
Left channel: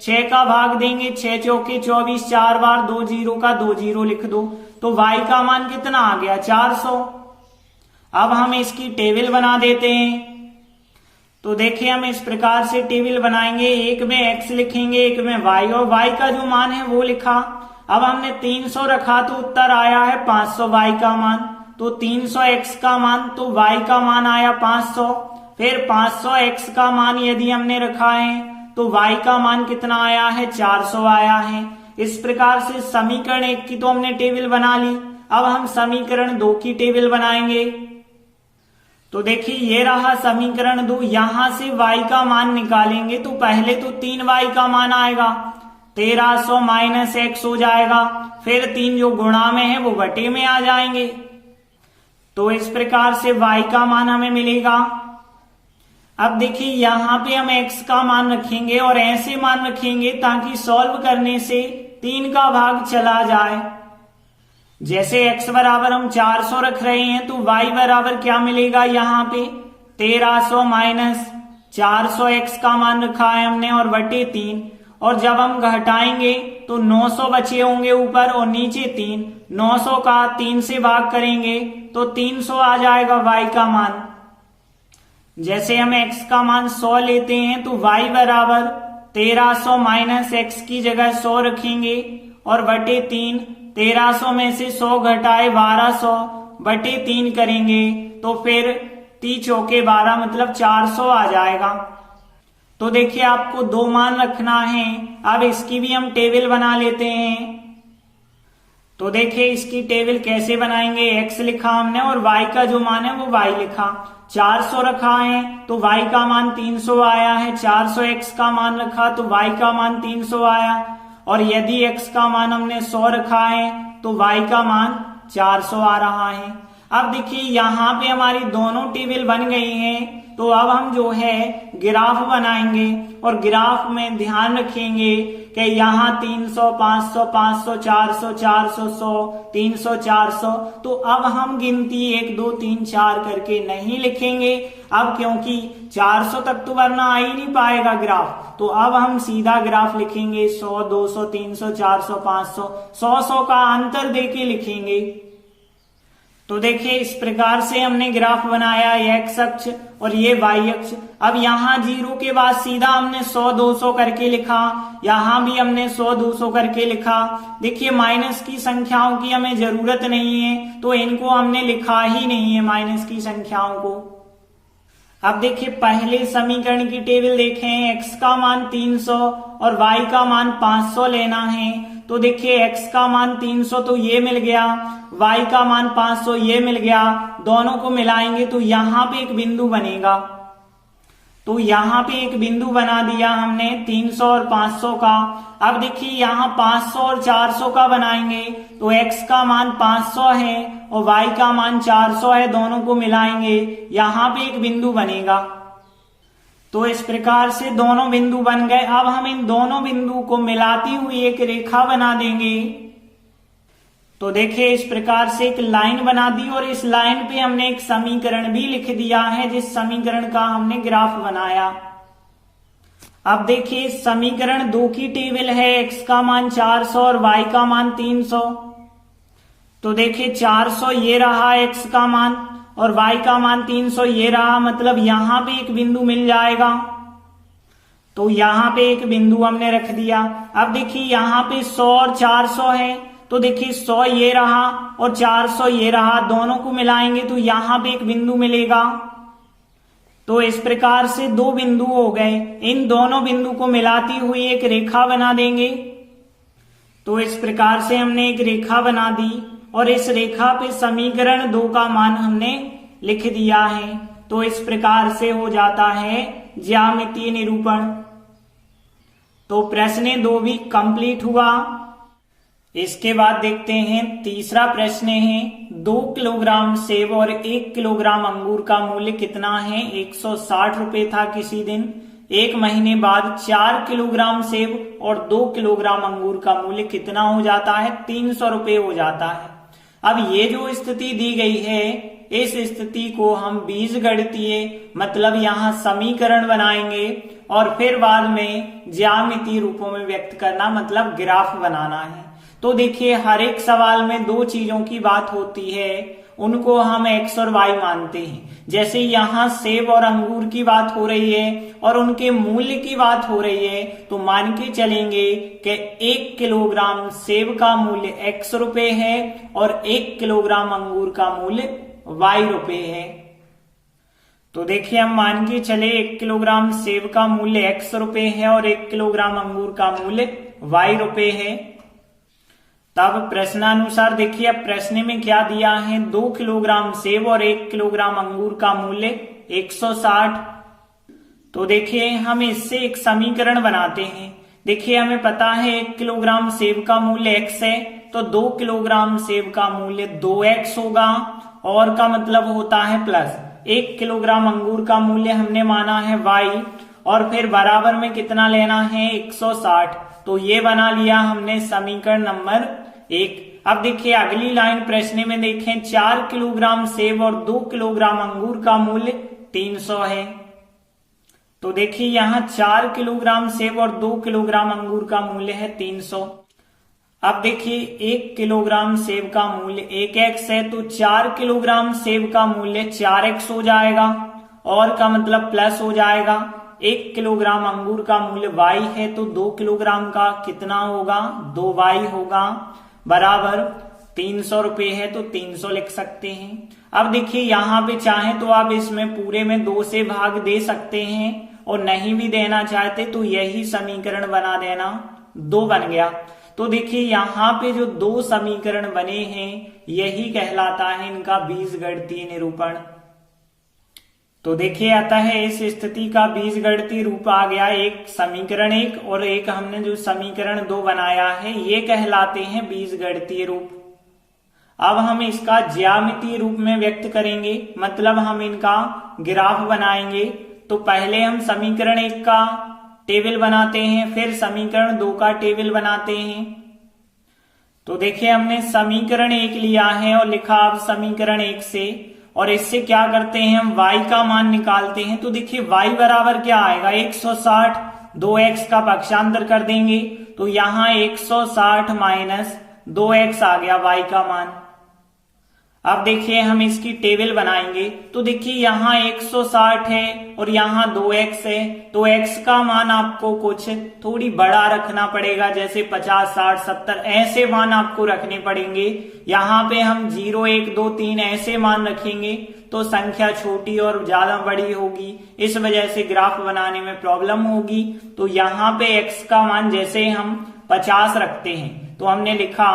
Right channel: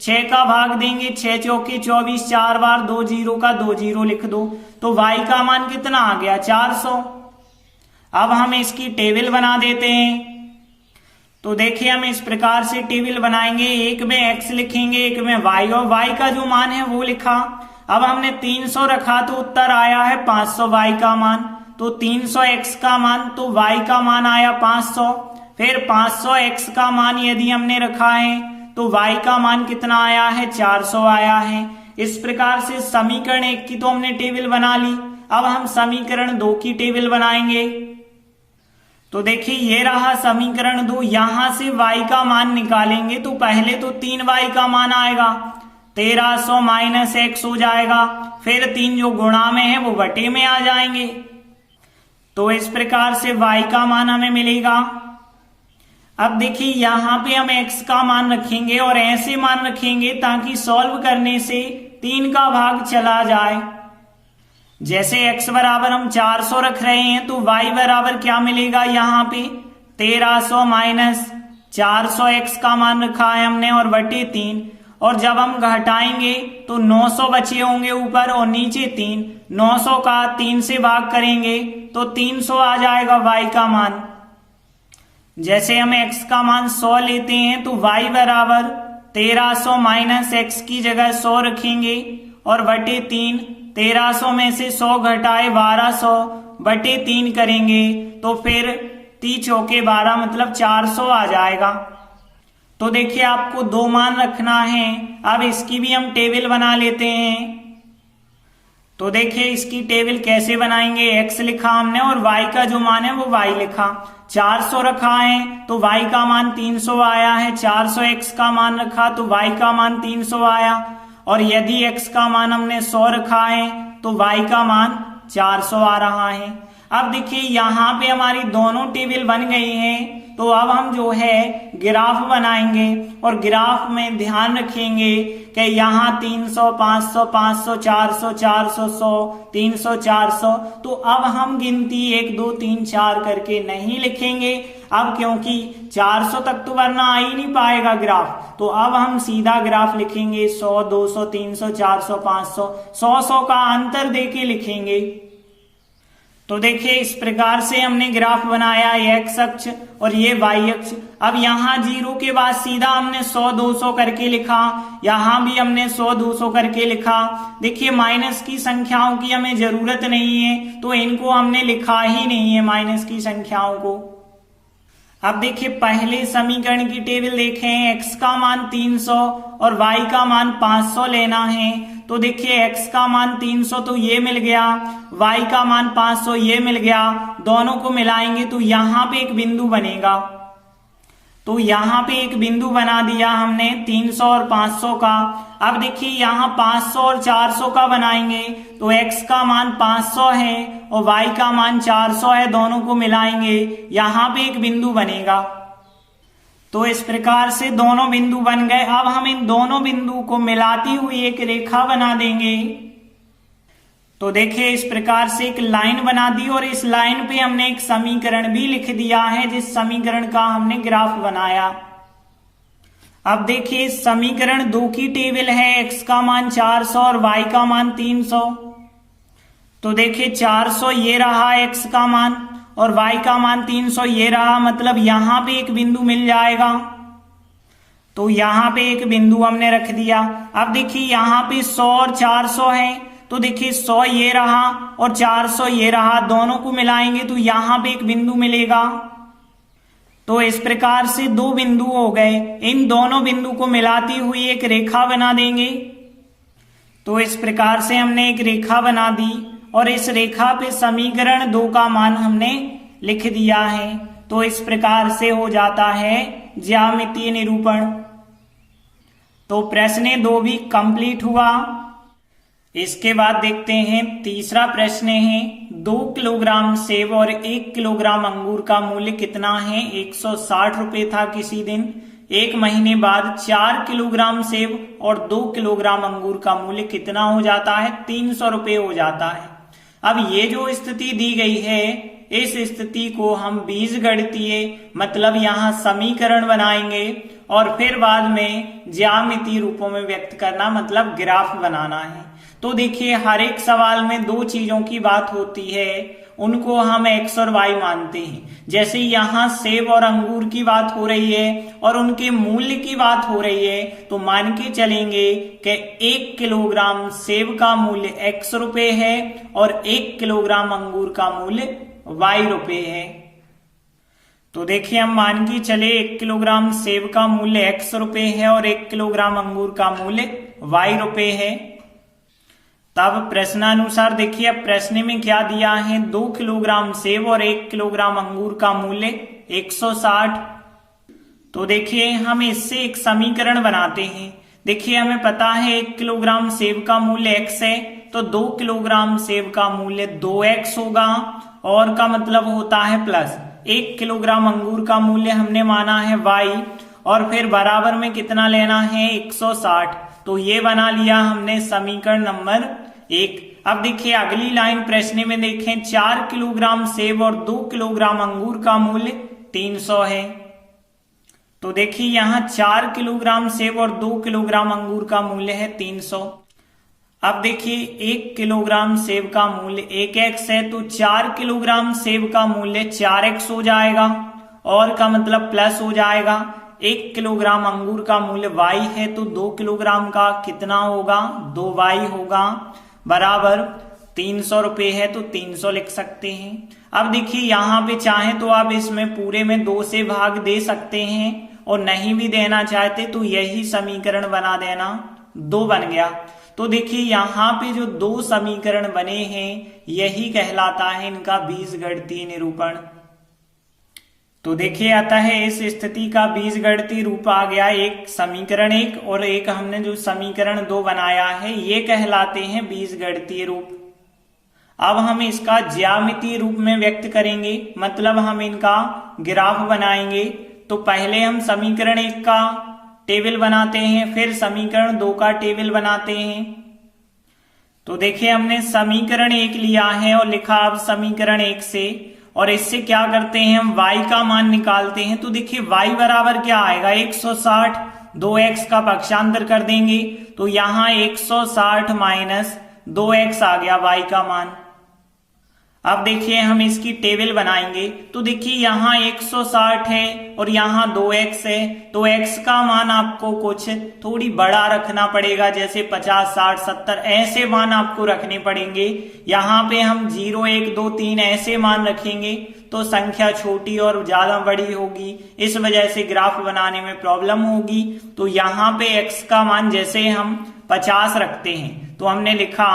6 का भाग देंगे, 6 चौके 24, 4 बार 2 जीरो का 2 जीरो लिख दो तो y का मान कितना आ गया, 400। अब हम इसकी टेबल बना देते हैं। तो देखिए हम इस प्रकार से टेबल बनाएंगे, एक में x लिखेंगे, एक में y, और y का जो मान है वो लिखा। अब हमने 300 रखा तो उत्तर आया है 500 y का मान, तो 300 x का मान तो y का मान आया 500। फिर 500 x का मान यदि हमने रखा है तो y का मान कितना आया है, 400 आया है। इस प्रकार से समीकरण 1 की तो हमने टेबल बना ली। अब हम समीकरण 2 की टेबल बनाएंगे। तो देखिए ये रहा समीकरण 2, यहां से y का मान निकालेंगे तो पहले तो 3y का मान आएगा, 1300 माइनस x हो जाएगा, फिर 3 जो गुणा में है वो बटे में आ जाएंगे। तो इस प्रकार से y का मान हमें मिलेगा। अब देखिए यहाँ पे हम x का मान रखेंगे और ऐसे मान रखेंगे ताकि सॉल्व करने से 3 का भाग चला जाए। जैसे x बराबर हम 400 रख रहे हैं तो y बराबर क्या मिलेगा, यहाँ पे 1300 माइनस 400 x का मान रखा है हमने और बटे 3, और जब हम घटाएंगे तो 900 बचे होंगे ऊपर और नीचे 3, 900 का 3 से भाग करेंगे तो 300 आ जाएगा y का मान। जैसे हम x का मान 100 लेते हैं तो y बराबर 1300 माइनस x की जगह 100 रखेंगे और बटे 3, 1300 में से 100 घटाए 1200 बटे 3 करेंगे तो फिर 3 चौके 12 मतलब 400 आ जाएगा। तो देखिए आपको 2 मान रखना है। अब इसकी भी हम टेबल बना लेते हैं। तो देखिए इसकी टेबल कैसे बनाएंगे, x लिखा हमने और y का जो मान है वो y लिखा, 400 रखा है तो y का मान 300 आया है, 400 x का मान रखा तो y का मान 300 आया, और यदि x का मान हमने 100 रखा है तो y का मान 400 आ रहा है। अब देखिए यहाँ पे हमारी दोनों टेबल बन गई हैं, तो अब हम जो है ग्राफ बनाएंगे और ग्राफ में ध्यान रखेंगे कि यहाँ 300, 500, 500, 400, 400, 100, 300, 400, तो अब हम गिनती 1 2 3 4 करके नहीं लिखेंगे अब, क्योंकि 400 तक तो वरना आ ही नहीं पाएगा ग्राफ। तो अब हम सीधा ग्राफ लिखेंगे 100, 200, 300, 400, 500, 100 का अंतर देके लिखेंगे। तो देखिए इस प्रकार से हमने ग्राफ बनाया, x अक्ष और ये y अक्ष। अब यहाँ 0 के बाद सीधा हमने 100 200 करके लिखा, यहाँ भी हमने 100 200 करके लिखा। देखिए माइनस की संख्याओं की हमें जरूरत नहीं है तो इनको हमने लिखा ही नहीं है माइनस की संख्याओं को। अब देखिए पहले समीकरण की टेबल देखें, x का मान 300 और y का मान 500 लेना है। तो देखिए x का मान 300 तो ये मिल गया, y का मान 500 ये मिल गया, दोनों को मिलाएंगे तो यहाँ पे एक बिंदु बनेगा। तो यहाँ पे एक बिंदु बना दिया हमने 300 और 500 का। अब देखिए यहाँ 500 और 400 का बनाएंगे तो x का मान 500 है और y का मान 400 है, दोनों को मिलाएंगे यहाँ पे एक बिंदु बनेगा। तो इस प्रकार से दोनों बिंदु बन गए। अब हम इन दोनों बिंदु को मिलाती हुई एक रेखा बना देंगे। तो देखिए इस प्रकार से एक लाइन बना दी और इस लाइन पे हमने एक समीकरण भी लिख दिया है जिस समीकरण का हमने ग्राफ बनाया। अब देखिए समीकरण 2 की टेबल है, x का मान 400 और y का मान 300। तो देखिए 400 ये रहा x का मान और y का मान 300 ये रहा, मतलब यहां पे एक बिंदु मिल जाएगा। तो यहां पे एक बिंदु हमने रख दिया। अब देखिए यहाँ पे 100 और 400 है तो देखिए 100 ये रहा और 400 ये रहा, दोनों को मिलाएंगे तो यहां पे एक बिंदु मिलेगा। तो इस प्रकार से दो बिंदु हो गए, इन दोनों बिंदु को मिलाती हुई एक रेखा बना देंगे। तो इस प्रकार से हमने एक रेखा बना दी और इस रेखा पे समीकरण 2 का मान हमने लिख दिया है। तो इस प्रकार से हो जाता है ज्यामितीय निरूपण। तो प्रश्न 2 भी कंप्लीट हुआ। इसके बाद देखते हैं तीसरा प्रश्न है, 2 किलोग्राम सेब और 1 किलोग्राम अंगूर का मूल्य कितना है? 160 रुपए था किसी दिन। एक महीने बाद 4 किलोग्राम सेब और 2 किलोग्राम अंगूर का मूल्य कितना हो जाता है? 300 रुपए हो जाता है। अब ये जो स्थिति दी गई है, इस स्थिति को हम बीजगणितीय मतलब यहाँ समीकरण बनाएंगे और फिर बाद में ज्यामितीय रूपों में व्यक्त करना मतलब ग्राफ बनाना है। तो देखिए हर एक सवाल में 2 चीजों की बात होती है, उनको हम x और y मानते हैं। जैसे यहाँ सेब और अंगूर की बात हो रही है और उनके मूल्य की बात हो रही है, तो मान के चलेंगे कि 1 किलोग्राम सेब का मूल्य x रुपए है और 1 किलोग्राम अंगूर का मूल्य y रुपए है। तो देखिए हम मान के चले 1 किलोग्राम सेब का मूल्य x रुपए है और 1 किलोग्राम अंगूर का मूल्य y रुपए है। तब प्रश्नानुसार देखिए अब प्रश्न में क्या दिया है, 2 किलोग्राम सेब और 1 किलोग्राम अंगूर का मूल्य 160। तो देखिए हम इससे एक समीकरण बनाते हैं। देखिए हमें पता है 1 किलोग्राम सेब का मूल्य x है, तो 2 किलोग्राम सेब का मूल्य 2x होगा और का मतलब होता है प्लस 1 किलोग्राम अंगूर का मूल्य हमने माना है y और फिर बराबर में कितना लेना है 160। तो ये बना लिया हमने समीकरण नंबर 1। अब देखिए अगली लाइन प्रश्न में देखें, 4 किलोग्राम सेब और 2 किलोग्राम अंगूर का मूल्य 300 है। तो देखिए यहाँ 4 किलोग्राम सेब और 2 किलोग्राम अंगूर का मूल्य है 300। अब देखिए 1 किलोग्राम सेब का मूल्य 1x है, तो 4 किलोग्राम सेब का मूल्य 4x हो जाएगा और का मतलब प्लस हो जाएगा। 1 किलोग्राम अंगूर का मूल्य y है, तो 2 किलोग्राम का कितना होगा? 2y होगा बराबर 300 रुपए है, तो 300 लिख सकते हैं। अब देखिए यहाँ पे चाहे तो आप इसमें पूरे में 2 से भाग दे सकते हैं और नहीं भी देना चाहते तो यही समीकरण बना देना, 2 बन गया। तो देखिए यहाँ पे जो 2 समीकरण बने हैं यही कहलाता है इनका बीजगणितीय निरूपण। तो देखिए आता है इस स्थिति का बीजगणितीय रूप आ गया, एक समीकरण 1 और एक हमने जो समीकरण 2 बनाया है ये कहलाते हैं बीजगणितीय रूप। अब हम इसका ज्यामितीय रूप में व्यक्त करेंगे, मतलब हम इनका ग्राफ बनाएंगे। तो पहले हम समीकरण 1 का टेबल बनाते हैं, फिर समीकरण 2 का टेबल बनाते हैं। तो देखिए हमने समीकरण 1 लिया है और लिखा अब समीकरण 1 से, और इससे क्या करते हैं हम y का मान निकालते हैं। तो देखिए y बराबर क्या आएगा 160, 2x का पक्षांतर कर देंगे तो यहाँ 160 माइनस 2x आ गया y का मान। अब देखिए हम इसकी टेबल बनाएंगे। तो देखिए यहाँ 160 है और यहाँ 2x है, तो x का मान आपको कुछ थोड़ी बड़ा रखना पड़ेगा, जैसे 50, 60, 70 ऐसे मान आपको रखने पड़ेंगे। यहाँ पे हम 0, 1, 2, 3 ऐसे मान रखेंगे तो संख्या छोटी और ज्यादा बड़ी होगी, इस वजह से ग्राफ बनाने में प्रॉब्लम होगी। तो यहाँ पे x का मान जैसे हम 50 रखते हैं तो हमने लिखा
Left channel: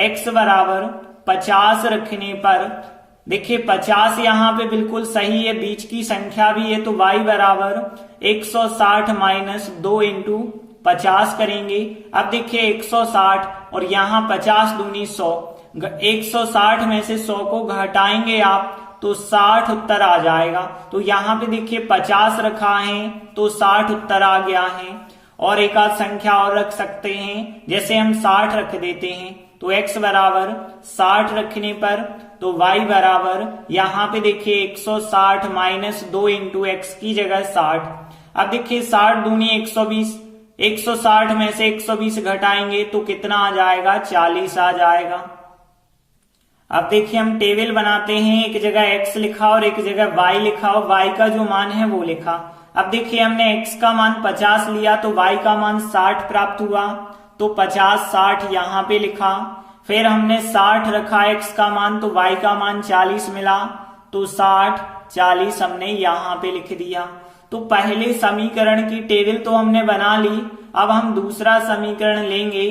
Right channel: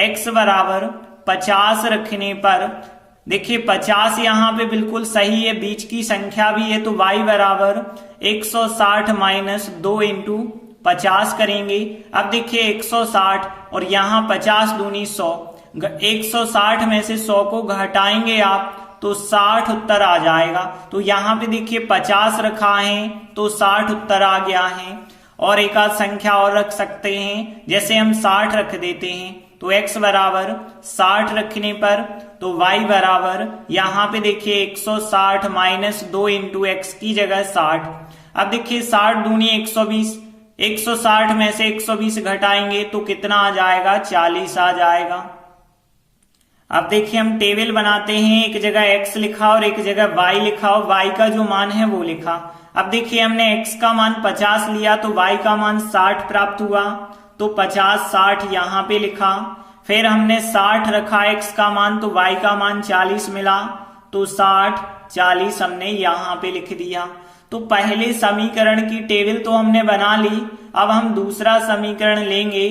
x बराबर 50 रखने पर, देखिए 50 यहाँ पे बिल्कुल सही है, बीच की संख्या भी है, तो y बराबर 160 माइनस 2 इंटू 50 करेंगे। अब देखिए 160 और यहाँ 50 दूनी 100, 160 में से 100 को घटाएंगे आप तो 60 उत्तर आ जाएगा। तो यहाँ पे देखिए 50 रखा है तो 60 उत्तर आ गया है। और एक आध संख्या और रख सकते हैं, जैसे हम 60 रख देते हैं तो x बराबर 60 रखने पर, तो y बराबर यहाँ पे देखिए 160 माइनस 2 इंटू एक्स की जगह 60। अब देखिए 60 दूनी 120, 160 में से 120 घटाएंगे तो कितना आ जाएगा 40 आ जाएगा। अब देखिए हम टेबल बनाते हैं, एक जगह x लिखा और एक जगह y लिखा और y का जो मान है वो लिखा। अब देखिए हमने x का मान 50 लिया तो y का मान 60 प्राप्त हुआ, तो 50, 60 यहाँ पे लिखा। फिर हमने 60 रखा x का मान, तो y का मान 40 मिला, तो 60 40 हमने यहां पे लिख दिया। तो पहले समीकरण की टेबल तो हमने बना ली। अब हम दूसरा समीकरण लेंगे।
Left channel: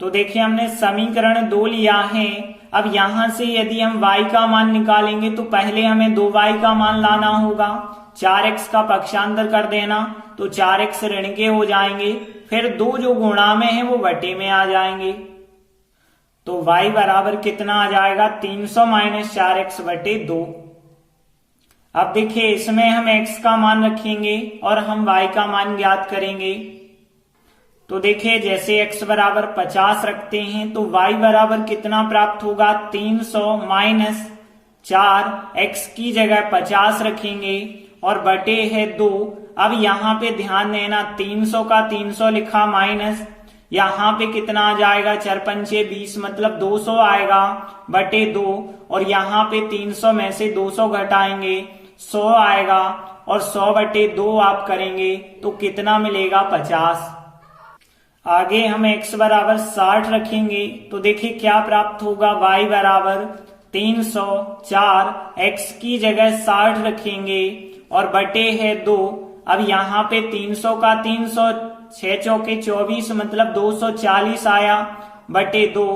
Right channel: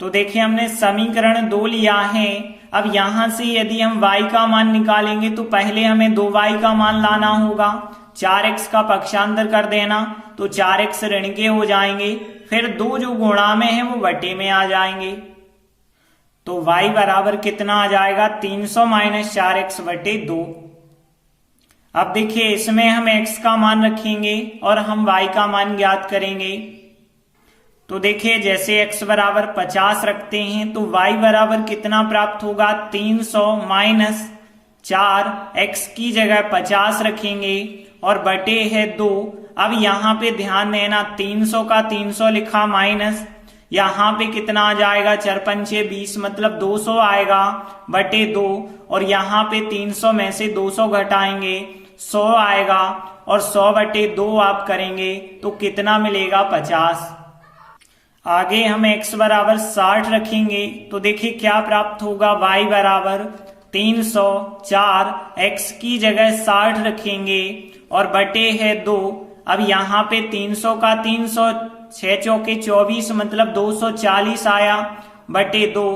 तो देखिए हमने समीकरण 2 लिया है। अब यहां से यदि हम y का मान निकालेंगे तो पहले हमें 2y का मान लाना होगा। 4x का पक्षांतर कर देना, तो 4x ऋण के हो जाएंगे। फिर 2 जो गुणा में है वो बटे में आ जाएंगे। तो y बराबर कितना आ जाएगा, 300 माइनस 4x बटे 2। अब देखिए इसमें हम x का मान रखेंगे और हम y का मान ज्ञात करेंगे। तो देखिए जैसे x बराबर 50 रखते हैं तो y बराबर कितना प्राप्त होगा, 300 माइनस 4, x की जगह 50 रखेंगे और बटे है 2। अब यहाँ पे ध्यान देना, 300 का 300 लिखा माइनस, यहाँ पे कितना आ जाएगा, 4 पंचे 20 मतलब 200 आएगा बटे 2, और यहाँ पे 300 में से 200 घटाएंगे 100 आएगा, और 100 बटे 2 आप करेंगे तो कितना मिलेगा, 50। आगे हम x बराबर 60 रखेंगे तो देखिए क्या प्राप्त होगा, y बराबर 304, x की जगह 60 रखेंगे और बटे है 2। अब यहाँ पे 300 का 300, 6 चौके 24 मतलब 240 आया बटे 2।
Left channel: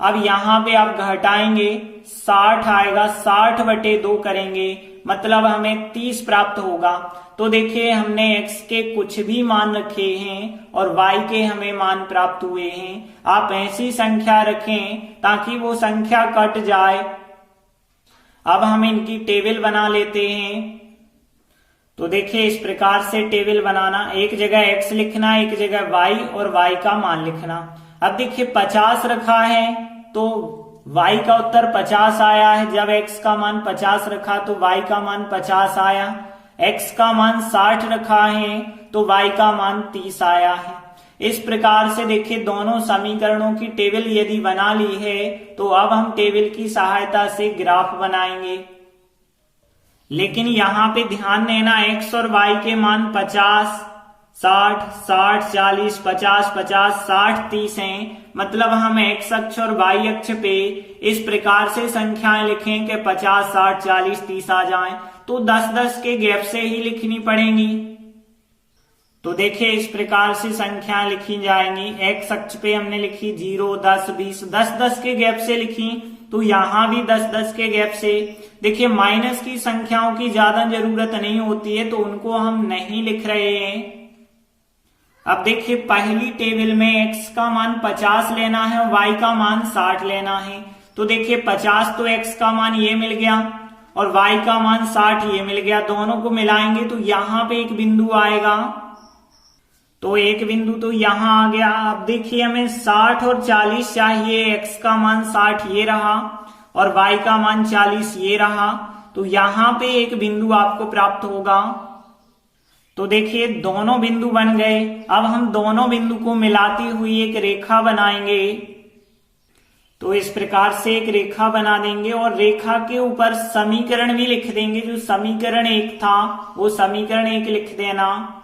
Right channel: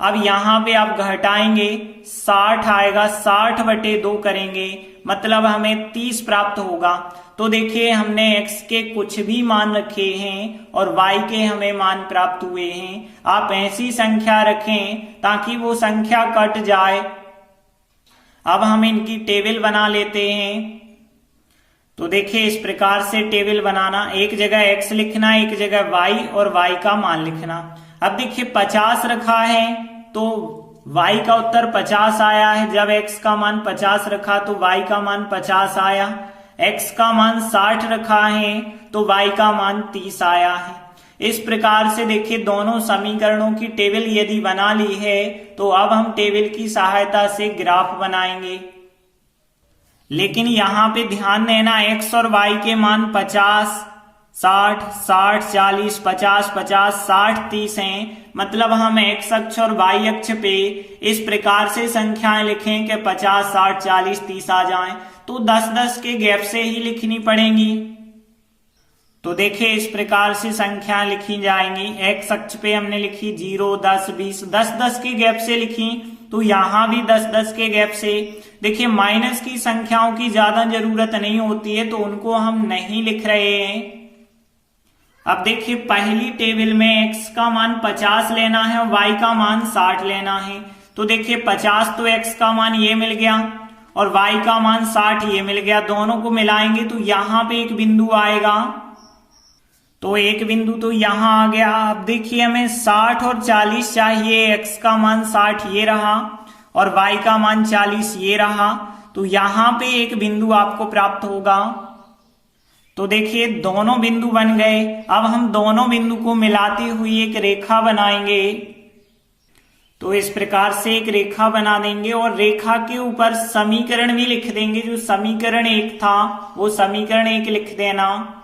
अब यहाँ पे आप घटाएंगे 60 आएगा, 60 बटे 2 करेंगे मतलब हमें 30 प्राप्त होगा। तो देखिए हमने x के कुछ भी मान रखे हैं और y के हमें मान प्राप्त हुए हैं। आप ऐसी संख्या रखें ताकि वो संख्या कट जाए। अब हम इनकी टेबल बना लेते हैं। तो देखिए इस प्रकार से टेबल बनाना, एक जगह x लिखना, एक जगह y और y का मान लिखना। अब देखिए 50 रखा है तो y का उत्तर 50 आया है। जब x का मान 50 रखा तो y का मान 50 आया। x का मान 60 रखा है तो y का मान 30 आया है। इस प्रकार से देखिए दोनों समीकरणों की टेबल यदि बना ली है तो अब हम टेबल की सहायता से ग्राफ बनाएंगे। लेकिन यहाँ पे ध्यान देना, x और y के मान 50, 60, 60, 40, 50, 50, 60, 30 हैं। मतलब हम x अक्ष और y अक्ष पे इस प्रकार से संख्याएं लिखें कि 50, 60, 40, 30 आ जाएं, तो 10-10 के गैप से ही लिखनी पड़ेंगी। तो देखिए इस प्रकार से संख्याएं लिखी जाएंगी। x अक्ष पे हमने लिखी 0, 10, 20, 10-10 के गैप से लिखी, तो यहां भी 10-10 के गैप से। देखिए माइनस की संख्याओं की ज्यादा जरूरत नहीं होती है तो उनको हम नहीं लिख रहे हैं। अब देखिए पहली टेबल में x का मान 50 लेना है और y का मान 60 लेना है। तो देखिए 50 तो x का मान ये मिल गया और y का मान 60 ये मिल गया, दोनों को मिलाएंगे तो यहाँ पे एक बिंदु आएगा। तो एक बिंदु तो यहाँ आ गया। अब देखिए हमें 60 और 40 चाहिए। x का मान 60 ये रहा और y का मान 40 ये रहा, तो यहाँ पे एक बिंदु आपको प्राप्त होगा। तो देखिए दोनों बिंदु बन गए। अब हम दोनों बिंदु को मिलाती हुई एक रेखा बनाएंगे। तो इस प्रकार से एक रेखा बना देंगे और रेखा के ऊपर समीकरण भी लिख देंगे। जो समीकरण 1 था वो समीकरण 1 लिख देना।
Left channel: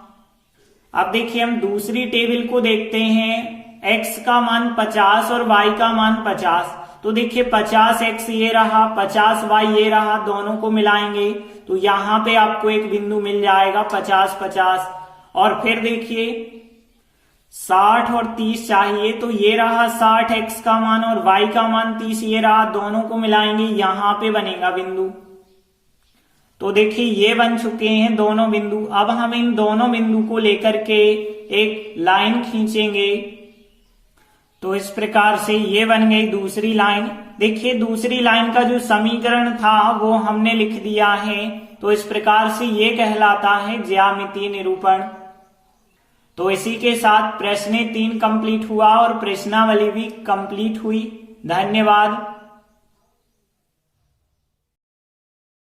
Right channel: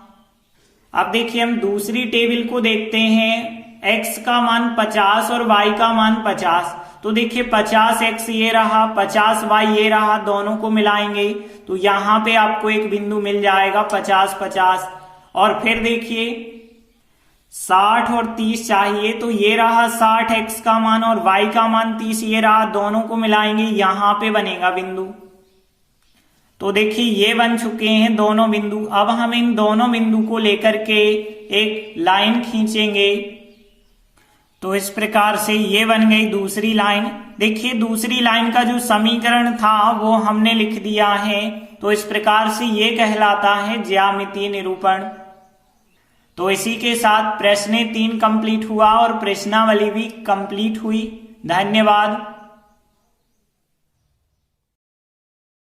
अब देखिए हम दूसरी टेबल को देखते हैं। x का मान 50 और y का मान 50। तो देखिए 50x ये रहा, 50y ये रहा, दोनों को मिलाएंगे तो यहाँ पे आपको एक बिंदु मिल जाएगा 50-50। और फिर देखिए 60 और 30 चाहिए, तो ये रहा 60x का मान और y का मान 30 ये रहा, दोनों को मिलाएंगे, यहाँ पे बनेगा बिंदु। तो देखिए ये बन चुके हैं दोनों बिंदु। अब हम इन दोनों बिंदु को लेकर के एक लाइन खींचेंगे। तो इस प्रकार से ये बन गई दूसरी लाइन। देखिए दूसरी लाइन का जो समीकरण था वो हमने लिख दिया है। तो इस प्रकार से ये कहलाता है ज्यामितीय निरूपण। तो इसी के साथ प्रश्न 3 कंप्लीट हुआ और प्रश्नावली भी कंप्लीट हुई। धन्यवाद।